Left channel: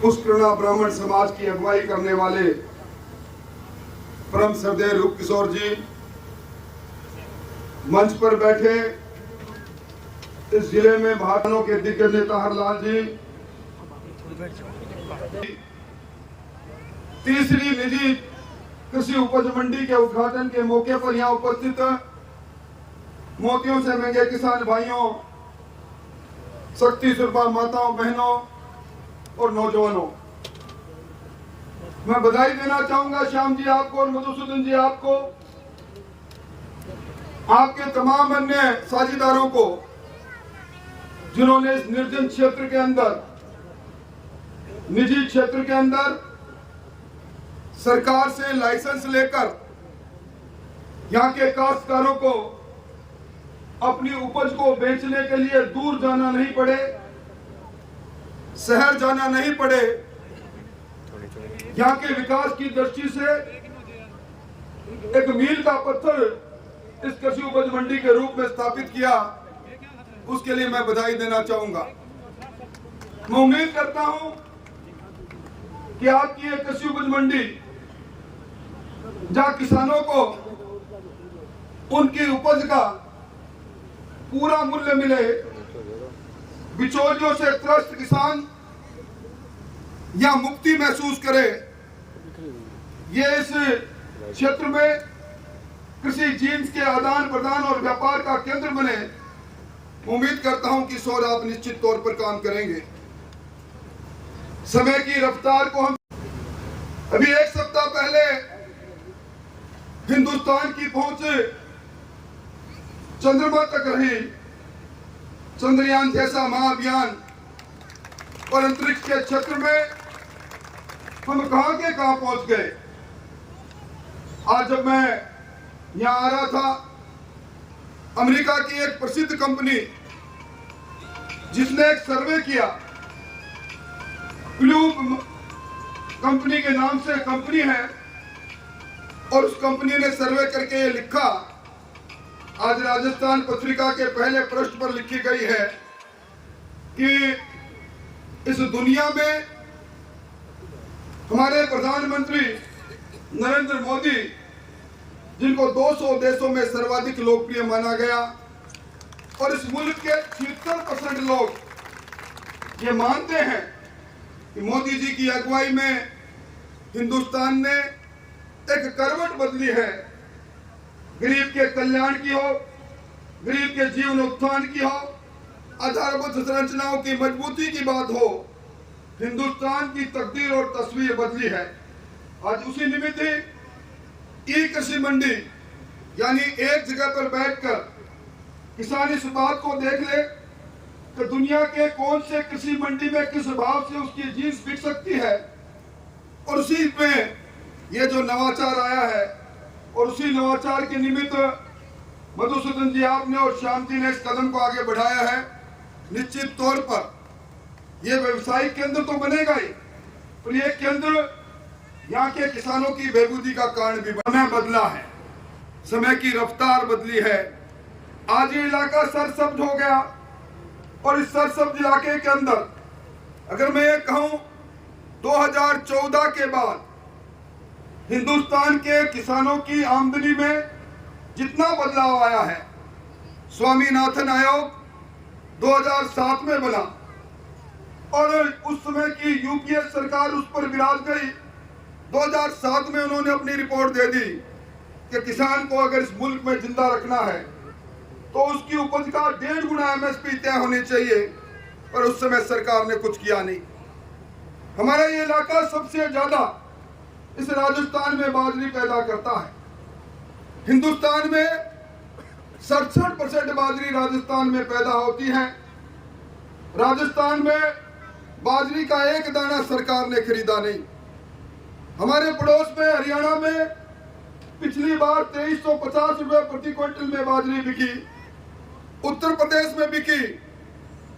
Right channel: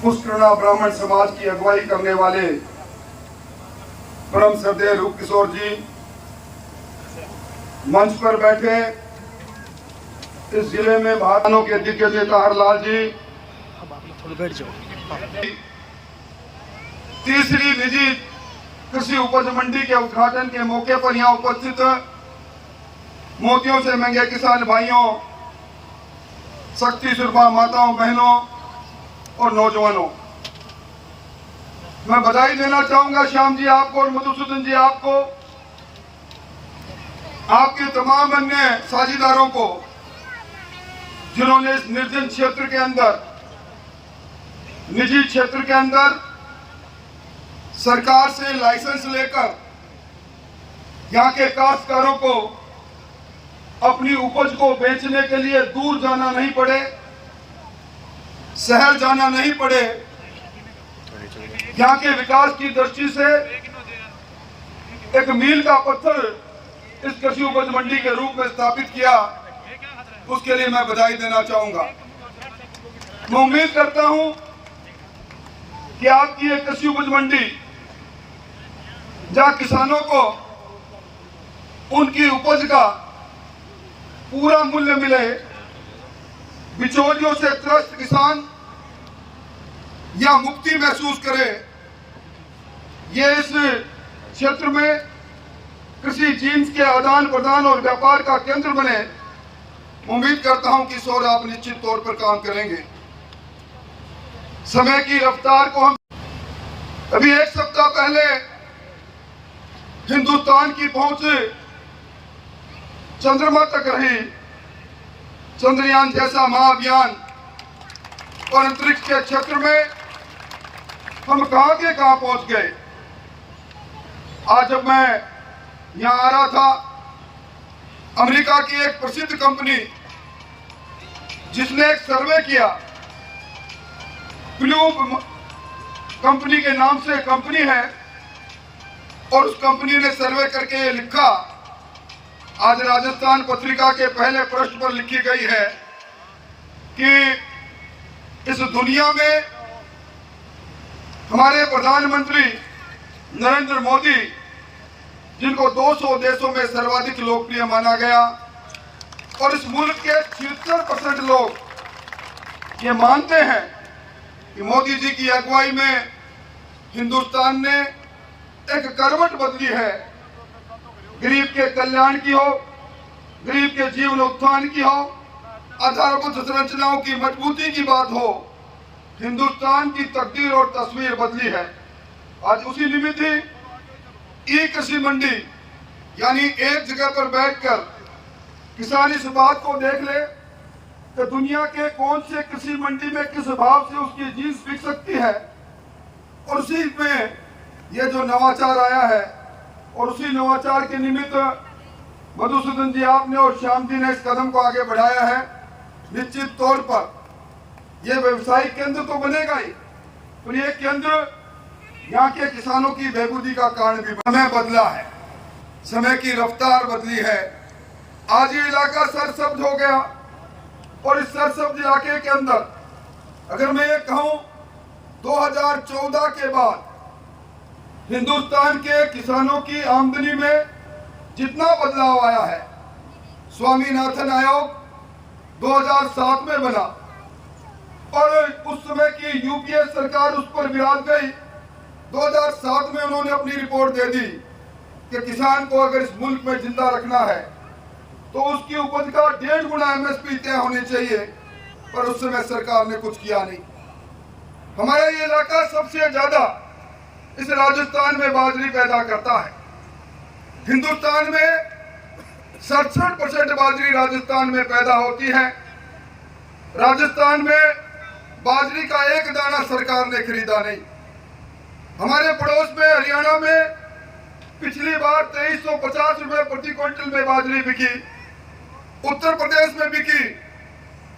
पुष्करणा ब्राह्मण समाज की अगुवाई करने वाले परम श्रद्धेय रूप किशोर जी मंच पर बैठे, इस जिले में भाजपा के दिग्गज नेता हरलाल जी, तीसरी निजी कृषि उपज मंडी के उद्घाटन के मौके पर यहाँ उपस्थित मोतियों से महंगे किसान भाइयों, शक्ति सुरभा माताओं, बहनों और नौजवानों, मैं बधाई देना चाहूंगा श्याम जी आपको और मधुसूदन जी आपको, आपके तमाम अन्य साझेदारों को, जिन्होंने इस निर्जन क्षेत्र के अंदर, निजी क्षेत्र के अंदर सरकार से लाइसेंस लेकर यहाँ के काश्तकारों को अपनी उपज को बेचने के लिए दूर जाना नहीं पड़े, शहर जाना नहीं पड़े, यहाँ के विकास की दृष्टि से एक मील का पत्थर इस कृषि उपज मंडी के रूप में स्थापित किया, उसके लिए मैं बधाई देना चाहूंगा। मैं उम्मीद करता हूं कि आपकी ये कृषि उपज मंडी जहां किसानों को उनकी उपज का पूरा मूल्य मिले, बिचौलियों से त्रस्त किसान या मुक्ति महसूस करे, ये इस क्षेत्र में कृषि जीन्स के आदान प्रदान और व्यापार का केंद्र बने। उम्मीद करता हूं कि किशोर आप निश्चित तौर पर काम करेंगे। समय की रफ्तार को हम अभी एक सप्ताह पहले हिंदुस्तान की पहुंच चंद्रमा तक रही, चंद्रयान जैसा महाअभियान, और अंतरिक्ष के क्षेत्र में हम कहां के कहां पहुंच गए। आज जब मैं यहां आ रहा था, अमेरिका की एक प्रसिद्ध कंपनी जिसने एक सर्वे किया, प्लूम कंपनी के नाम से कंपनी है, और उस कंपनी ने सर्वे करके ये लिखा, आज राजस्थान पत्रिका के पहले पृष्ठ पर लिखी गई है कि इस दुनिया में हमारे प्रधानमंत्री नरेंद्र मोदी, जिनको 200 देशों में सर्वाधिक लोकप्रिय माना गया, और इस मुल्क के 76% लोग ये मानते हैं कि मोदी जी की अगुवाई में हिंदुस्तान ने एक करवट बदली है। गरीब के कल्याण की हो, गरीब के जीवन उत्थान की हो, आधारभूत संरचनाओं की मजबूती की बात हो, हिंदुस्तान की तकदीर और तस्वीर बदली है। आज उसी निमित्त ई कृषि मंडी, यानी एक जगह पर बैठकर किसान इस बात को देख ले कि दुनिया के कौन से कृषि मंडी में किस भाव से उसकी जीन्स बिक सकती है, और उसी में ये जो नवाचार आया है, और उसी नवाचार के निमित्त मधुसूदन जी आपने और श्याम जी ने इस कदम को आगे बढ़ाया है। निश्चित तौर पर यह व्यवसायिक केंद्र तो बनेगा ही, पर यह केंद्र यहाँ के किसानों की बेबूदी का कारण भी। समय बदला है, समय की रफ्तार बदली है। आज ये इलाका सरसब्ज हो गया, और इस सरसब्ज इलाके के अंदर अगर मैं ये कहूं 2014 के बाद हिंदुस्तान के किसानों की आमदनी में जितना बदलाव आया है, स्वामीनाथन आयोग 2007 में बना, और उस समय की यूपीए सरकार उस पर विराज गई। 2007 में उन्होंने अपनी रिपोर्ट दे दी कि किसान को अगर इस मुल्क में जिंदा रखना है तो उसकी उपज का 1.5 गुना एमएसपी तय होनी चाहिए, पर उस समय सरकार ने कुछ किया नहीं। हमारा ये इलाका सबसे ज्यादा इस राजस्थान में बाजरी पैदा करता है। हिंदुस्तान में 67% बाजरी राजस्थान में पैदा होती है। राजस्थान में बाजरी का एक दाना सरकार ने खरीदा नहीं। हमारे पड़ोस में हरियाणा में पिछली बार 2350 रुपए प्रति क्विंटल में बाजरी बिकी, उत्तर प्रदेश में बिकी,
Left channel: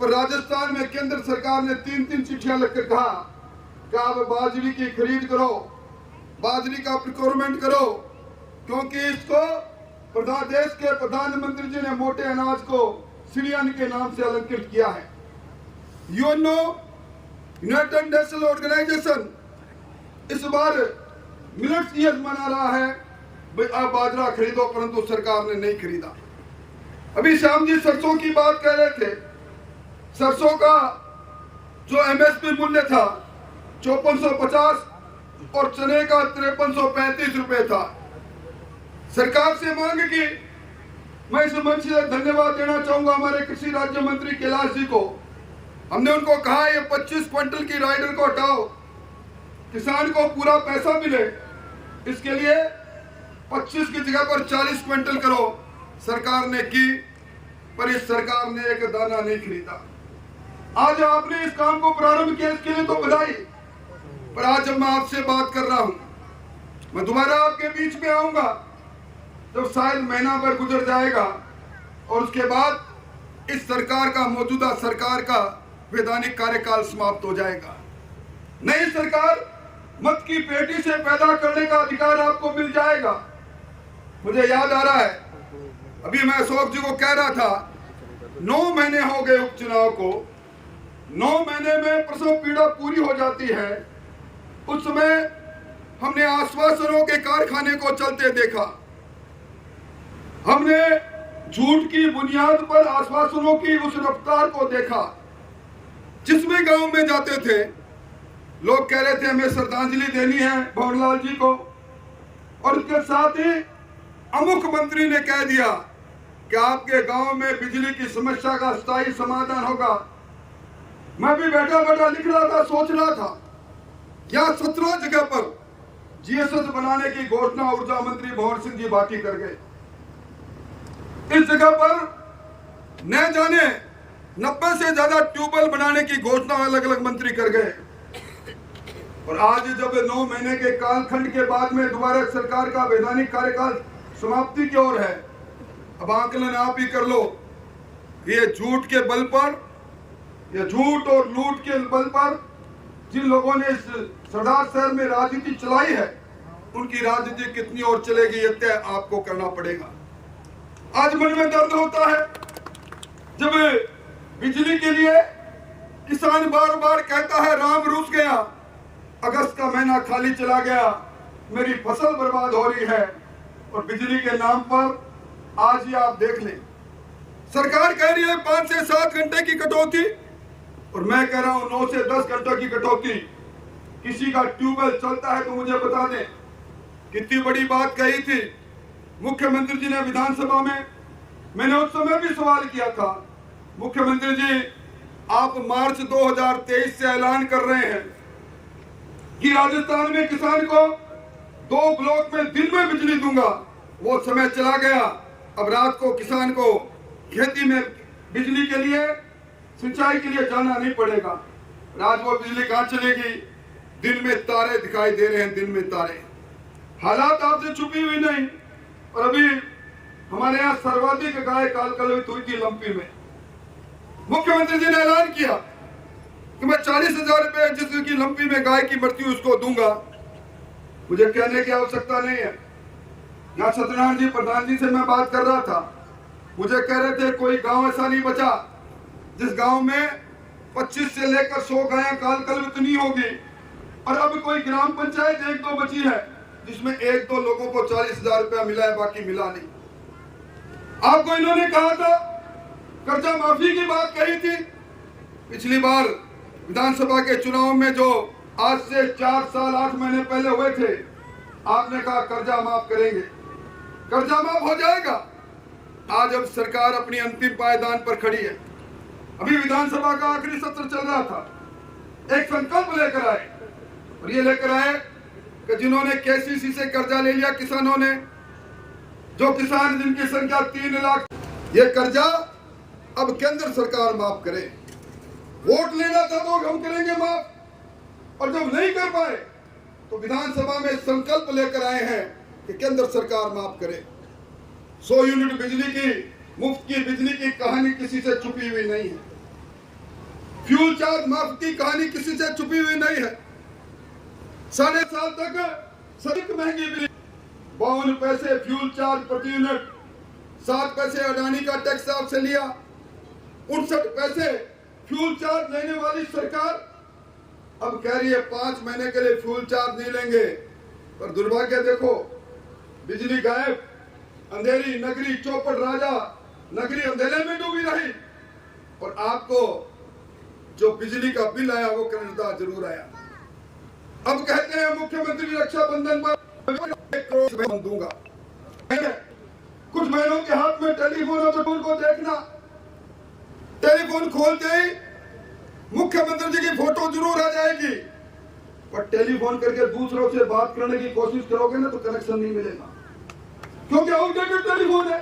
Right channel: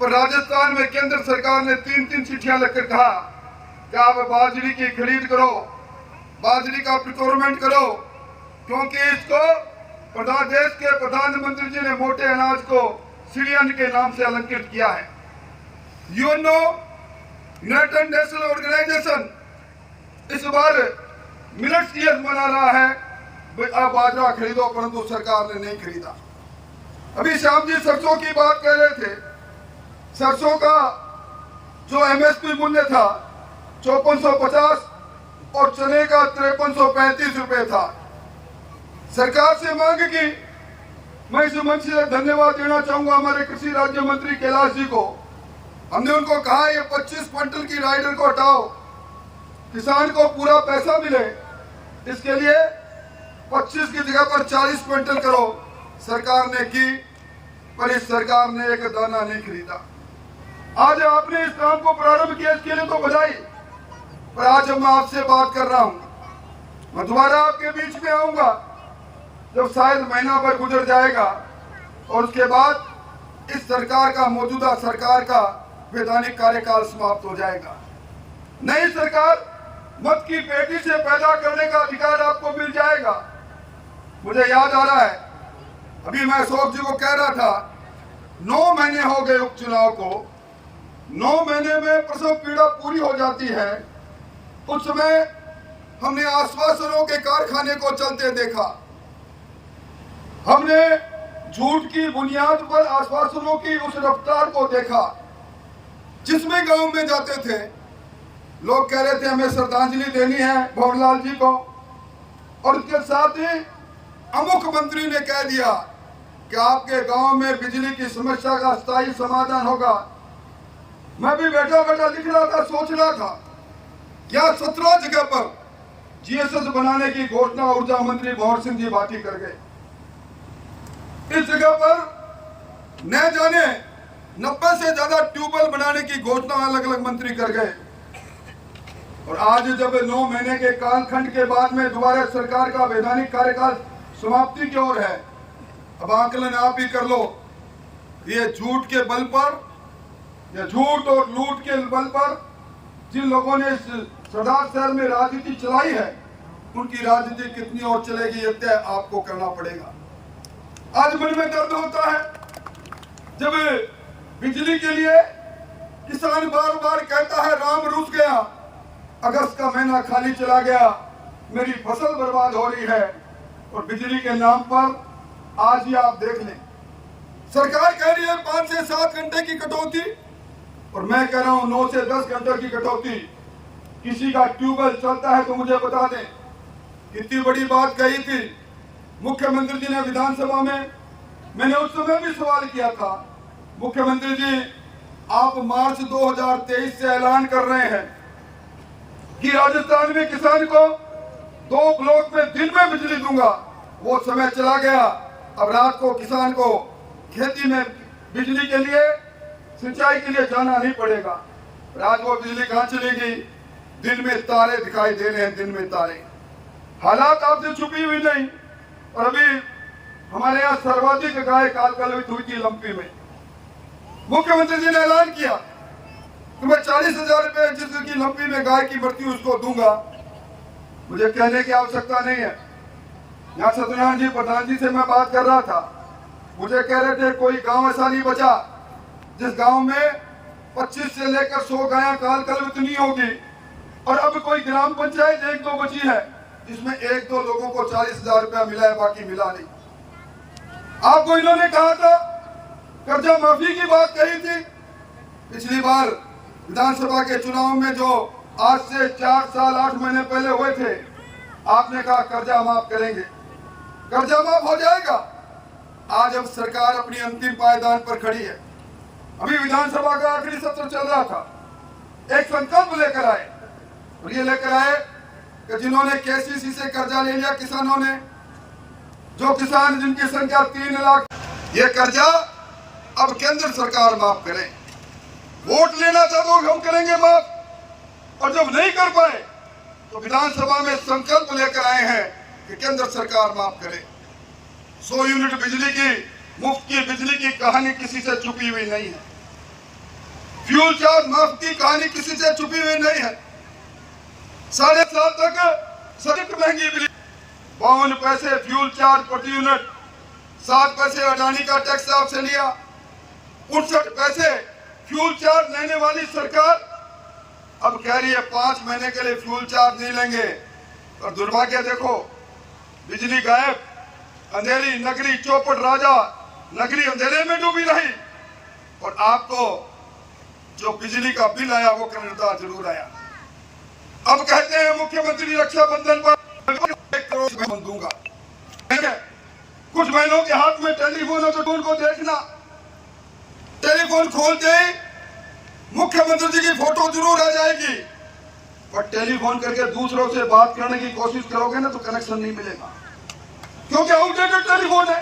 पर राजस्थान में केंद्र सरकार ने 3-3 चिट्ठियां लिखकर कहा कि आप बाजरी की खरीद करो, बाजरी का प्रिक्योरमेंट करो, क्योंकि इसको देश के प्रधानमंत्री जी ने मोटे अनाज को सीढ़ियन के नाम से अलंकृत किया है। यूएनओ, यूनाइटेड नेशनल ऑर्गेनाइजेशन इस बार मिलेट्स ईयर मना रहा है। भाई आप बाजरा खरीदो, परंतु सरकार ने नहीं खरीदा। अभी श्याम जी सरसों की बात कह रहे थे। सरसों का जो एमएसपी मूल्य था 5450 और चने का 5335 रुपए था। सरकार से मांग की, मैं इस मंच से धन्यवाद देना चाहूंगा हमारे कृषि राज्य मंत्री कैलाश जी को। हमने उनको कहा ये 25 क्विंटल की राइडर को हटाओ, किसान को पूरा पैसा मिले, इसके लिए 25 की जगह पर 40 क्विंटल करो। सरकार ने की, पर इस सरकार ने एक दाना नहीं खरीदा। आज आपने इस काम को प्रारंभ किया, इसके लिए तो बधाई। पर आज जब मैं आपसे बात कर रहा हूं, मैं दोबारा आपके बीच में आऊंगा जब शायद महीना भर गुजर जाएगा और उसके बाद इस सरकार का, मौजूदा सरकार का वैधानिक कार्यकाल समाप्त हो जाएगा। नई सरकार मत की पेटी से पैदा करने का अधिकार आपको मिल जाएगा। मुझे याद आ रहा है, अभी मैं अशोक जी को कह रहा था 9 महीने हो गए उपचुनाव को, 9 महीने में प्रसव पीड़ा पूरी हो जाती है। उस समय हमने आश्वासनों के कारखाने को चलते देखा। हमने झूठ की बुनियाद पर आश्वासनों की उस रफ्तार को देखा जिसमें गांव में जाते थे लोग कह रहे थे हमें श्रद्धांजलि देनी है भंवरलाल जी को, और उसके साथ ही अमुख मंत्री ने कह दिया कि आपके गांव में बिजली की समस्या का स्थायी समाधान होगा। मैं भी बैठा बैठा लिख रहा था, सोच रहा था, क्या 17 जगह पर जीएसएस बनाने की घोषणा ऊर्जा मंत्री भंवर सिंह जी बाटी कर गए। इस जगह पर न जाने 90 से ज्यादा ट्यूबवेल बनाने की घोषणा अलग अलग मंत्री कर गए। और आज जब 9 महीने के कालखंड के बाद में दोबारा सरकार का वैधानिक कार्यकाल समाप्ति की ओर है, अब आकलन आप ही कर लो। ये झूठ के बल पर, ये झूठ और लूट के बल पर जिन लोगों ने इस सरदार शहर में राजनीति चलाई है, उनकी राजनीति कितनी और चलेगी ये तय आपको करना पड़ेगा। आज मन में दर्द होता है जब बिजली के लिए किसान बार बार कहता है राम रूस गया, अगस्त का महीना खाली चला गया, मेरी फसल बर्बाद हो रही है। और बिजली के नाम पर आज ही आप देख लें, सरकार कह रही है 5 से 7 घंटे की कटौती, और मैं कह रहा हूं 9 से 10 घंटे की कटौती। किसी का ट्यूबवेल चलता है तो मुझे बता दें। कितनी बड़ी बात कही थी मुख्यमंत्री जी ने विधानसभा में। मैंने उस समय भी सवाल किया था, मुख्यमंत्री जी आप मार्च 2023 से ऐलान कर रहे हैं कि राजस्थान में किसान को 2 ब्लॉक में दिन में बिजली दूंगा। वो समय चला गया, अब रात को किसान को खेती में बिजली के लिए, सिंचाई के लिए जाना नहीं पड़ेगा। रात को बिजली कहां चलेगी? दिन में तारे दिखाई दे रहे हैं, दिन में तारे। हालात आपसे छुपी हुई नहीं। और अभी हमारे यहाँ सर्वाधिक गाय कालकलवित हुई थी लंपी में। मुख्यमंत्री जी ने ऐलान किया कि मैं 40,000 रुपए जिसकी लंपी में गाय की मृत्यु उसको दूंगा। मुझे कहने की आवश्यकता नहीं है। यहाँ सत्यनारायण जी प्रधान जी से मैं बात कर रहा था, मुझे कह रहे थे कोई गांव ऐसा नहीं बचा जिस गांव में 25 से लेकर 100 गायें कालकलवित नहीं होगी। और अब कोई ग्राम पंचायत 1-2 बची है जिसमें 1-2 लोगों को 40,000 रुपया मिला है, बाकी मिला नहीं। आपको इन्होंने कहा था, कर्जा माफी की बात कही थी पिछली बार विधानसभा के चुनाव में, जो आज से 4 साल 8 महीने पहले हुए थे। आपने कहा कर्जा माफ करेंगे, कर्जा माफ हो जाएगा। आज अब सरकार अपनी अंतिम पायदान पर खड़ी है। अभी विधानसभा का आखिरी सत्र चल रहा था, एक संकल्प लेकर आए, और ये लेकर आए कि जिन्होंने केसीसी से कर्जा ले लिया किसानों ने, जो किसान जिनकी संख्या 3 लाख, ये कर्जा अब केंद्र सरकार माफ करे। वोट लेना था तो हम करेंगे माफ, और जब नहीं कर पाए तो विधानसभा में संकल्प लेकर आए हैं कि केंद्र सरकार माफ करे। 100 यूनिट बिजली की, मुफ्त की बिजली की कहानी किसी से छुपी हुई नहीं है। फ्यूल चार्ज माफ की कहानी किसी से छुपी हुई नहीं है। 7.5 तक सबसे महंगी बिजली, 52 पैसे फ्यूल चार्ज प्रति यूनिट, 7 पैसे अडानी का टैक्स आपसे लिया, 59 पैसे फ्यूल चार्ज लेने वाली सरकार अब कह रही है 5 महीने के लिए फ्यूल चार्ज नहीं लेंगे। पर दुर्भाग्य देखो, बिजली गायब, अंधेरी नगरी चौपट राजा, नगरी अंधेरे में डूबी रही। और आपको जो बिजली का बिल आया वो कर्णदार जरूर आया। अब कहते हैं मुख्यमंत्री रक्षाबंधन पर 1 करोड़ दूंगा। कुछ बहनों के हाथ में टेलीफोन है तो उनको देखना, टेलीफोन खोलते ही मुख्यमंत्री जी की फोटो जरूर आ जाएगी। पर टेलीफोन करके दूसरों से बात करने की कोशिश करोगे ना तो कनेक्शन नहीं मिलेगा, क्योंकि आउटडेटेड टेलीफोन है।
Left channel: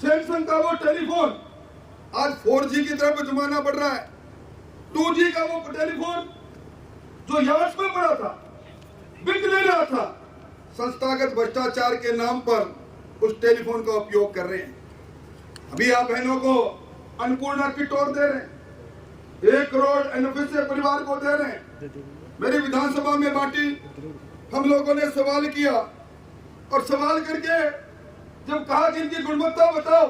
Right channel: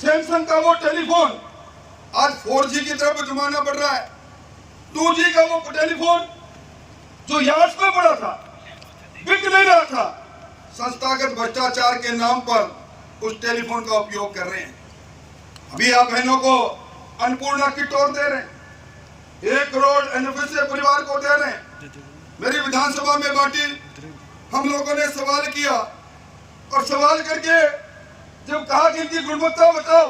सैमसंग का वो टेलीफोन आज 4G की तरफ जमाना बढ़ रहा है। 2G का वो टेलीफोन जो यार्ड्स में पड़ा था, बिक नहीं रहा था, संस्थागत भ्रष्टाचार के नाम पर उस टेलीफोन का उपयोग कर रहे हैं। अभी आप बहनों को अन्नपूर्णा किट और दे रहे हैं, 1 करोड़ एनएफएसए परिवार को दे रहे हैं। मेरी विधानसभा में बांटी, हम लोगों ने सवाल किया और सवाल करके जब कहा कि इनकी गुणवत्ता बताओ,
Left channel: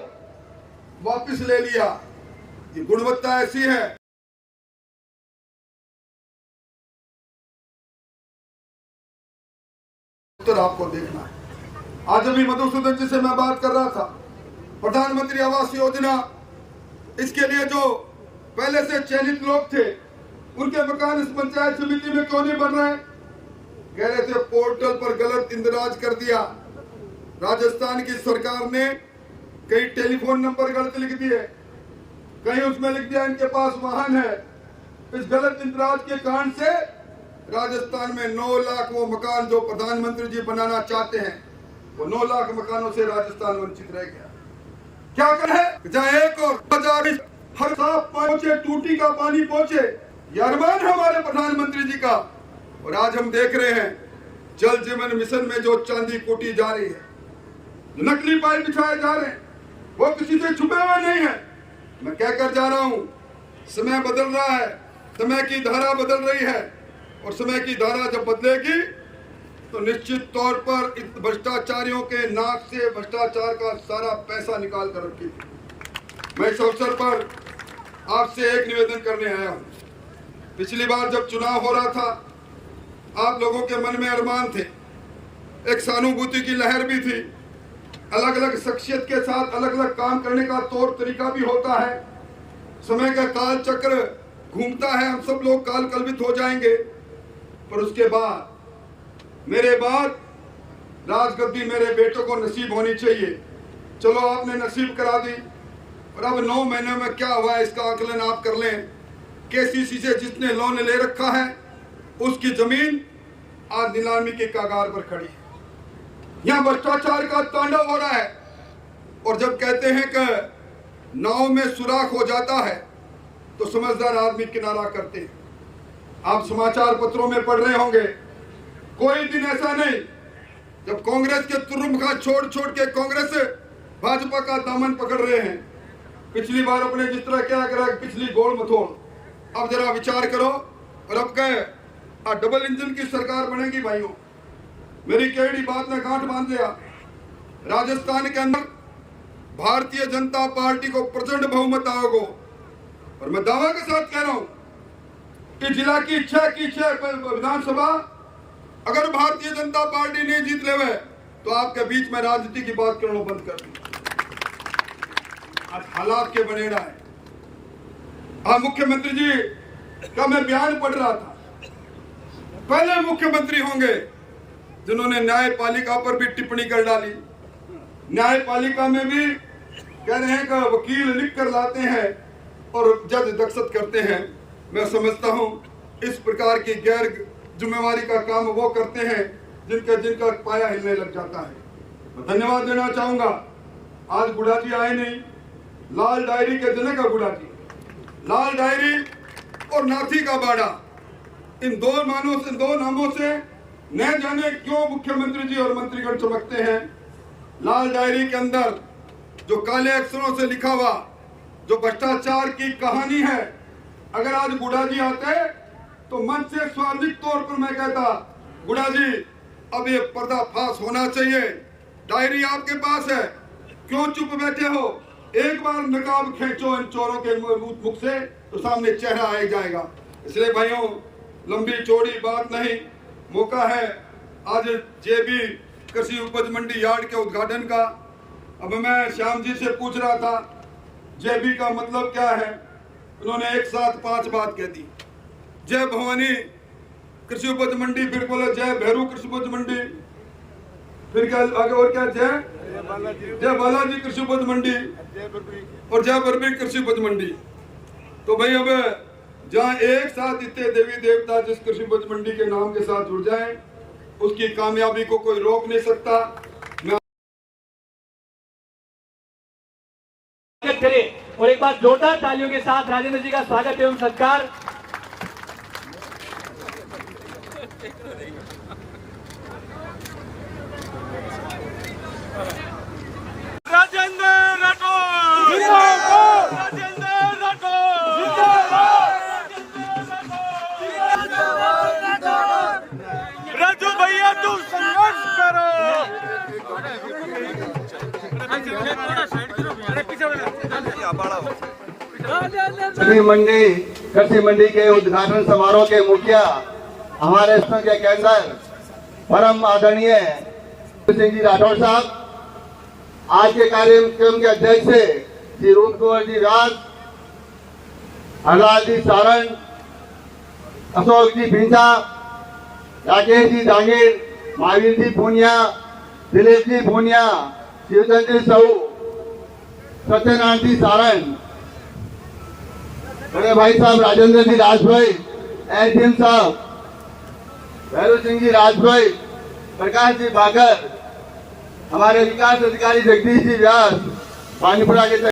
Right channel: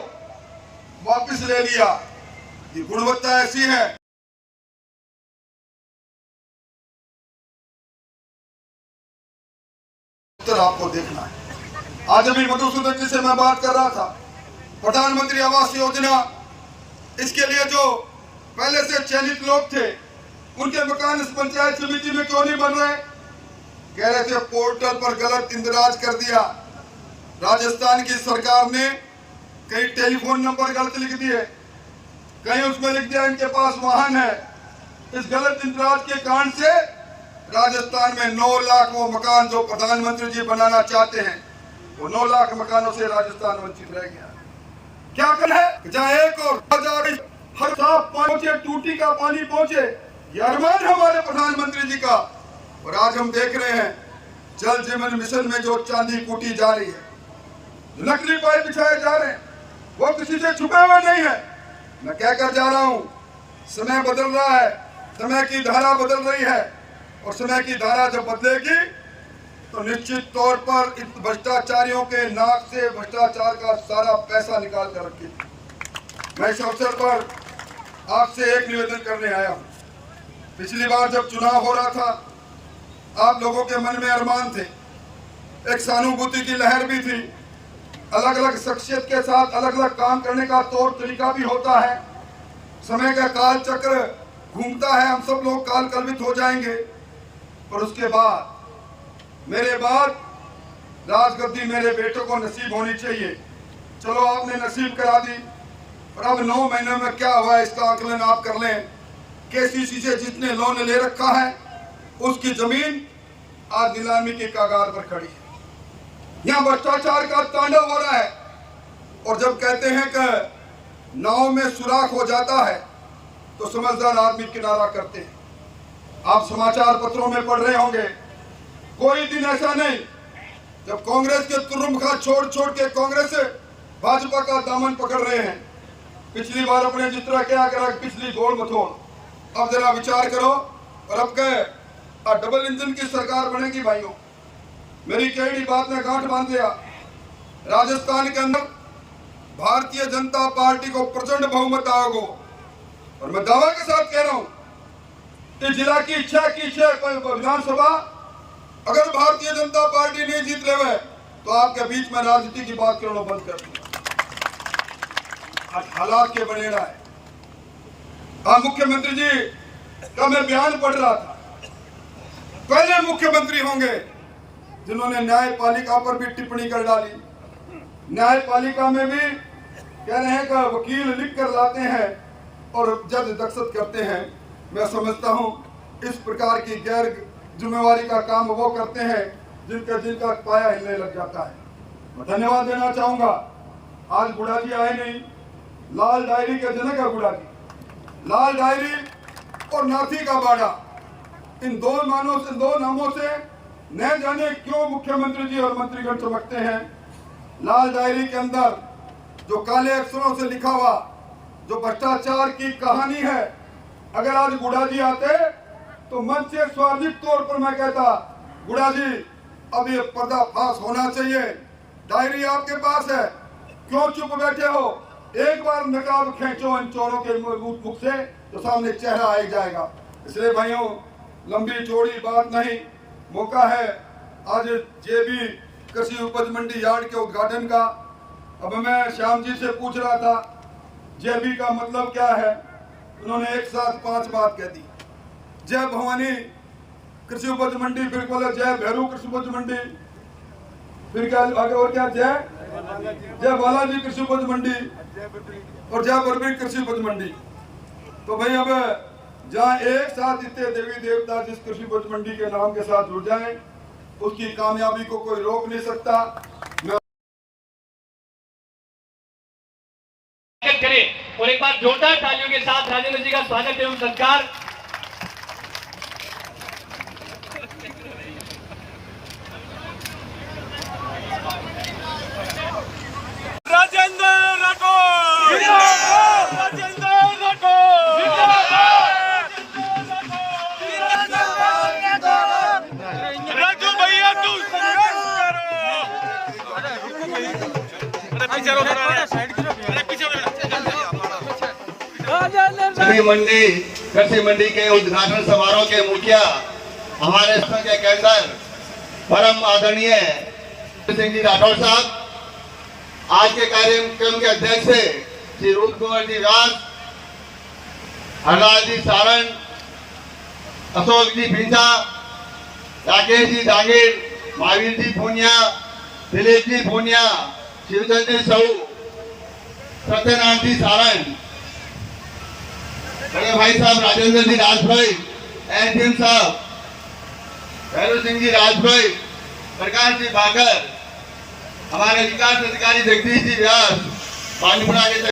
वापस ले लिया। ये गुणवत्ता ऐसी है, उत्तर आपको देखना है। आज अभी मधुसूदन जी से मैं बात कर रहा था, प्रधानमंत्री आवास योजना, इसके लिए जो पहले से चयनित लोग थे उनके मकान इस पंचायत समिति में क्यों नहीं बन रहे? कह रहे थे पोर्टल पर गलत इंदराज कर दिया। राजस्थान की सरकार ने कहीं टेलीफोन नंबर गलत लिख दिए, कहीं उसमें लिख दिया इनके पास वाहन है। इस गलत इंदराज के कारण से राजस्थान में 9 लाख वो मकान जो प्रधानमंत्री जी बनाना चाहते हैं, वो 9 लाख मकानों से राजस्थान वंचित रह गया। क्या करें? जहाँ 1 और 1000 हर साफ पहुंचे, टूटी का पानी पहुंचे, ये अरमान हमारे प्रधानमंत्री जी का। और आज हम देख रहे हैं जल जीवन मिशन में जो चांदी कूटी जा रही है, जो नकली पाइप बिछाए जा रहे हैं, वो किसी से छुपे हुए नहीं है। मैं कहकर जा रहा हूं, समय बदल रहा है, समय की धारा बदल रही है, और समय की धारा जब बदलेगी तो निश्चित तौर पर इस भ्रष्टाचारियों के नाक से भ्रष्टाचार का सारा पैसा निकाल कर रखेगी। मैं इस अवसर पर आपसे एक निवेदन करने आया हूं। पिछली बार जब चुनाव हो रहा था, आप लोगों के मन में अरमान थे, एक सहानुभूति की लहर भी थी। अलग अलग शख्सियत के साथ अलग अलग काम करने का तौर तरीका भी होता है। समय का काल चक्र घूमता है, हम सब लोग काल कल्पित हो जाएंगे। पर उसके बाद मेरे बाद राजगद्दी मेरे बेटों को नसीब होनी चाहिए। चलो आपने नसीब करा दी, और अब 9 महीनों में क्या हुआ इसका आकलन आप कर लें। केसीसी से जिसने लोन ले रखा है उसकी जमीन आज नीलामी के कगार पर खड़ी है। यहाँ भ्रष्टाचार का तांडव हो रहा है। और जब कहते हैं कि नाव में सुराख हो जाता है तो समझदार आदमी किनारा करते हैं। आप समाचार पत्रों में पढ़ रहे होंगे, कोई दिन ऐसा नहीं जब कांग्रेस के तुर्रुमखा छोड़ छोड़ के कांग्रेस भाजपा का दामन पकड़ रहे हैं। पिछली बार अपने जिस तरह क्या करा, पिछली गोल मथोल, अब जरा विचार करो। और अब कहे डबल इंजन की सरकार बनेगी। भाइयों, मेरी कई बात में गांठ बांध लिया। राजस्थान के अंदर भारतीय जनता पार्टी को प्रचंड बहुमत आएगा, और मैं दावा के साथ कह रहा हूं कि जिला की इच्छा की विधानसभा अगर भारतीय जनता पार्टी नहीं जीत रहे तो आपके बीच में राजनीति की बात करना बंद कर दी। आज हालात के बनेड़ा है। आज मुख्यमंत्री जी का मैं बयान पढ़ रहा था, पहले मुख्यमंत्री होंगे जिन्होंने न्यायपालिका पर भी टिप्पणी कर डाली। न्यायपालिका में भी कह रहे हैं कि वकील लिख कर लाते हैं और जज दस्तखत करते हैं। मैं समझता हूं इस प्रकार की गैर जिम्मेवारी का काम वो करते हैं जिनका पाया हिलने लग जाता है। मैं धन्यवाद देना चाहूंगा, आज गुड़ा जी आए नहीं, लाल डायरी के जनक है गुड़ा जी। लाल डायरी और नाथी का बाड़ा, इन दो नामों से न जाने क्यों मुख्यमंत्री जी और मंत्रीगण चमकते हैं। लाल डायरी के अंदर जो काले अक्षरों से लिखा हुआ जो भ्रष्टाचार की कहानी है, अगर आज गुड़ा जी आते तो मन से स्वाभाविक तौर पर मैं कहता, गुड़ा जी अब ये पर्दाफाश होना चाहिए। डायरी आपके पास है, क्यों चुप बैठे हो? एक बार नकाब खींचो इन चोरों के मुख से तो सामने चेहरा आ जाएगा। इसलिए भाइयों, लंबी चौड़ी बात नहीं, मौका है आज जेबी कृषि उपज मंडी यार्ड के उद्घाटन का। अब मैं श्याम जी से पूछ रहा था जेबी का मतलब क्या है, उन्होंने एक साथ 5 बात कह दी। जय भवानी कृषि उपज मंडी, फिर बोले जय भैरू कृषि उपज मंडी, फिर क्या आगे और क्या, जय बालाजी कृषि उपज मंडी और जय बरबी कृषि उपज मंडी। तो भाई अब जहाँ एक साथ इतने देवी देवता जिस कृषि उपज मंडी के नाम के साथ जुड़ जाएं, उसकी कामयाबी को कोई रोक नहीं सकता। करें और एक बार जोरदार तालियों के साथ राजेंद्र जी का स्वागत एवं सत्कार। राजेंद्र राठौर जिंदाबाद, राजेंद्र राठौर जिंदाबाद, राजू भैया तुम संघर्ष करो। सभी मंडी कृषि मंडी के उद्घाटन समारोह के मुखिया हमारे संघ के कैडर परम आदरणीय सिंह जी राठौर साहब, आज के कार्यक्रम के अध्यक्ष श्री रूप कुंवर जी व्यास, हरलाल जी सारण, अशोक जी भिंसा, राकेश जी जांगीर, महावीर जी पूनिया, दिलीप जी पूनिया, शिवचंद जी साहू, सत्यनारायण जी सारण, मेरे भाई साहब राजेंद्र जी राजभाई, एन साहब, भैरू सिंह जी राजभाई, प्रकाश जी बागर, हमारे विकास अधिकारी जगदीश जी व्यास, पानीपुरा के